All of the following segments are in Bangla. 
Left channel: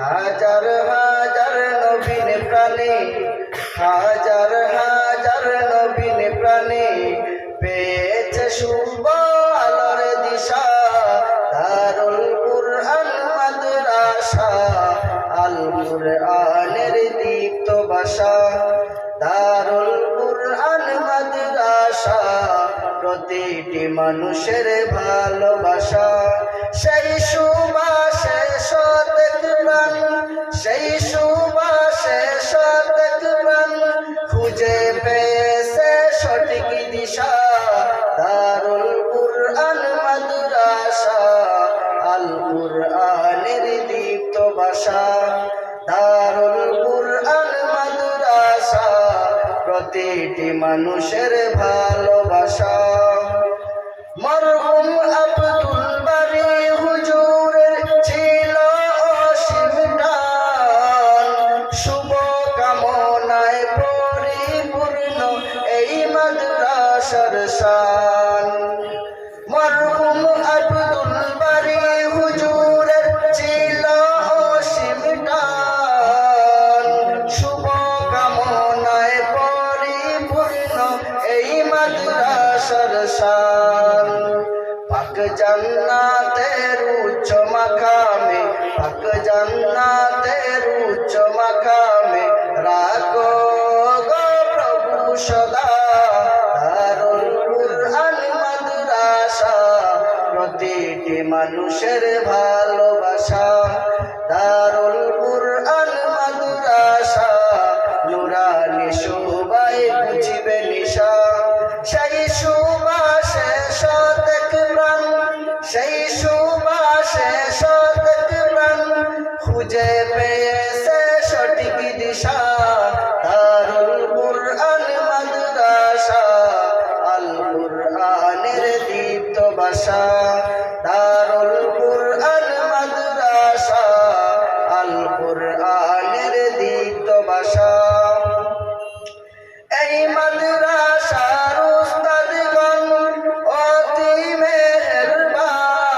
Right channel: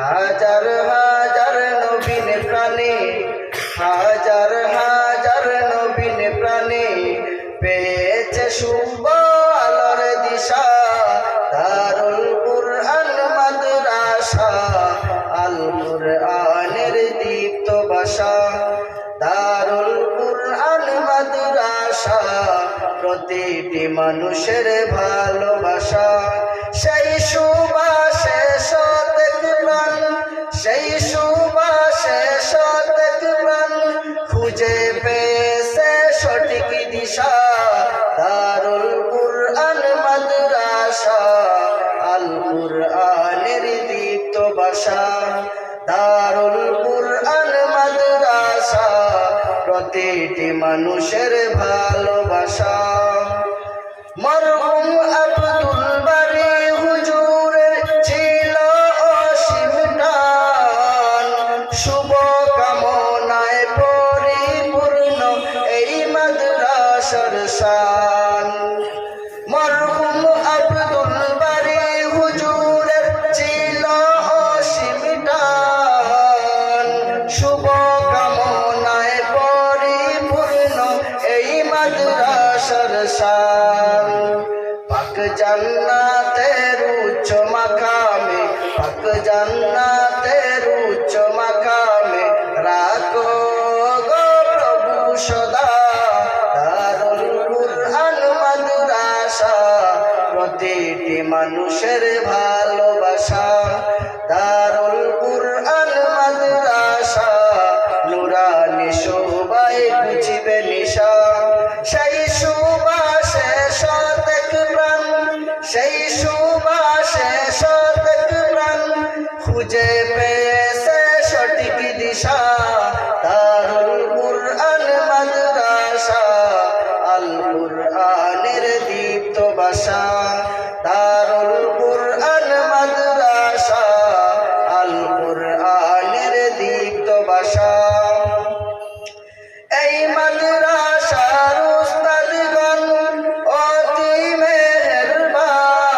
হাজার হাজার নবীন প্রাণী, হাজার হাজার নবীন প্রাণী পেয়েছে শুভ আলোর দিশা। দারুল কুরআন মাদ্রাসা, আল কুরআনের দীপ্ত ভাষা। দারুল কুরআন মাদ্রাসা, প্রতিটি মানুষের ভালোবাসা। সেই সুবাসে শতেক প্রাণ, সেই সুবাসে শতেক প্রাণ খুঁজে পেয়েছে সঠিক দিশা। দারুল কুরআন মাদ্রাসা, আল কুরআনের দীপ্ত ভাষা। দারুল কুরআন মাদ্রাসা, প্রতিটি মানুষের ভালোবাসা। মরহুম আব্দুল বারী হুজুরের ছিল অসীম টান, শুভ কামনায় পরিপূর্ণ এই মাদ্রাসার শান। মরহুম আব্দুল বারী হুজুরের ছিল অসীম টান, শুভ কামনায় পরিপূর্ণ এই মাদ্রাসার শান। পাক জান্নাতের উচ্চ মাকামে, পাক জান্নাতের উচ্চ মাকামে রাখো গো প্রভু সদা। দারুল কুরআন মাদ্রাসা, প্রতিটি মানুষের ভালোবাসা। দারুল কুরআন মাদ্রাসা, নুরানি শোভায় বুঝিবে নিশা। সেই সুবাসে শতেক প্রাণ, সেই সুবাসে শতেক প্রাণ খুঁজে পেয়েছে সঠিক দিশা। দারুল কুরআন মাদ্রাসা, আল কুরআনের দীপ্ত ভাষা। দারুল কুরআন মাদ্রাসা, আল কুরআনের দীপ্ত ভাষা। এই মাদ্রাসার উস্তাদগণ অতি মেহেরবান,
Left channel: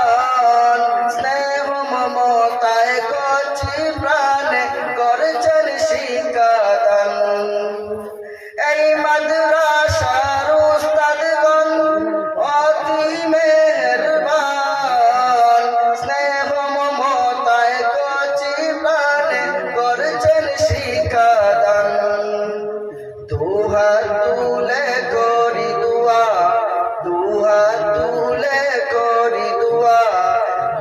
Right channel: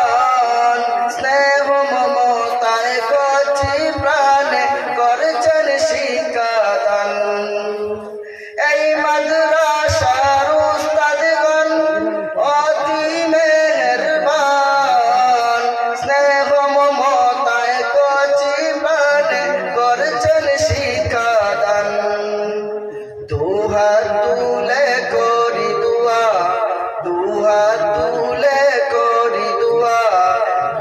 স্নেহ মমতায় কচি প্রাণে করছেন শিক্ষাদান। এই মাদ্রাসার উস্তাদগণ অতি মেহেরবান, স্নেহ মমতায় কচি প্রাণে করছেন শিক্ষাদান। দুহাত তুলে করি দুয়া, দুহাত তুলে করি দুয়া,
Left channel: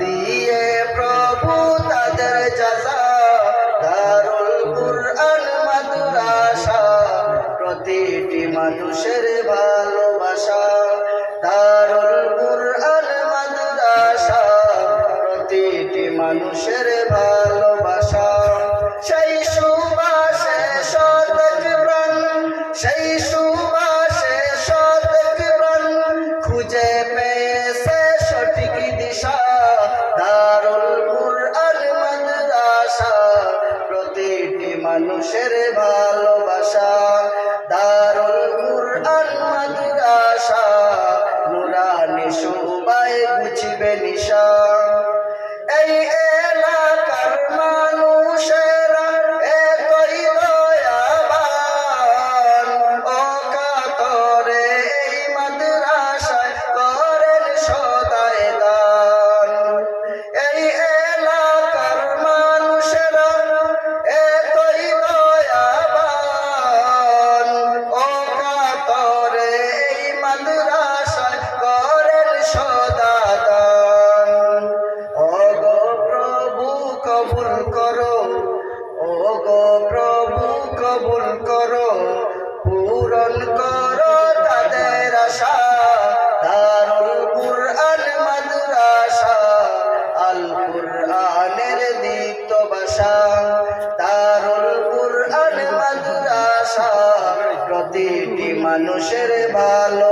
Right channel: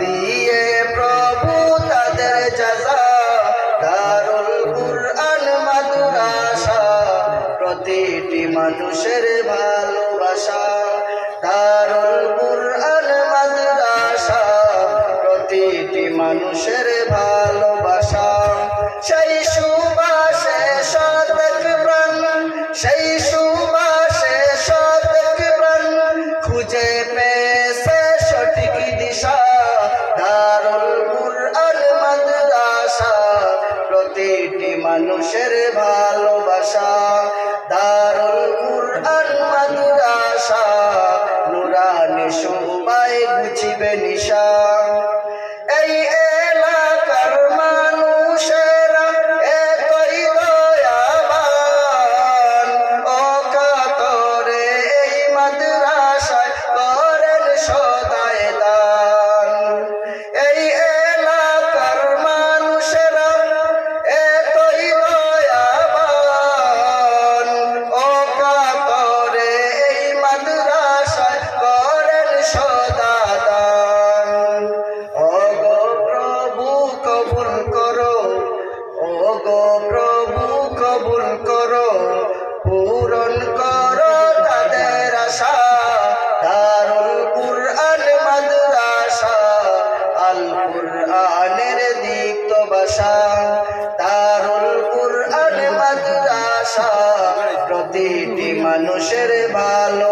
দিয়ে প্রভু তাদের জাযা। দারুল কুরআন মাদ্রাসা, প্রতিটি মানুষের ভালোবাসা। দারুল কুরআন মাদ্রাসা, প্রতিটি মানুষের ভালোবাসা। সেই সুবাসে শতেক প্রাণ, সেই সুবাসে শতেক প্রাণ খুঁজে পেয়েছে সঠিক দিশা। দারুল কুরআন মাদ্রাসা, প্রতিটি মানুষের ভালোবাসা। দারুল কুরআন মাদ্রাসা, নুরানি শোভায় বুঝিবে নিশা। এই এলাকার মানুষেরা এতই দয়াবান, অকাতরে এই মাদ্রাসায় করেন সদাই দান। এই এলাকার মানুষেরা এতই দয়াবান, অকাতরে এই মাদ্রাসায় করেন সদা দান। ওগো প্রভু কবুল করো, ওগো প্রভু কবুল করো, পূরণ করো তাদের আশা। দারুল কুরআন মাদ্রাসা, আল কুরআনের দীপ্ত ভাষা। দারুল কুরআন মাদ্রাসা, প্রতিটি মানুষের ভালো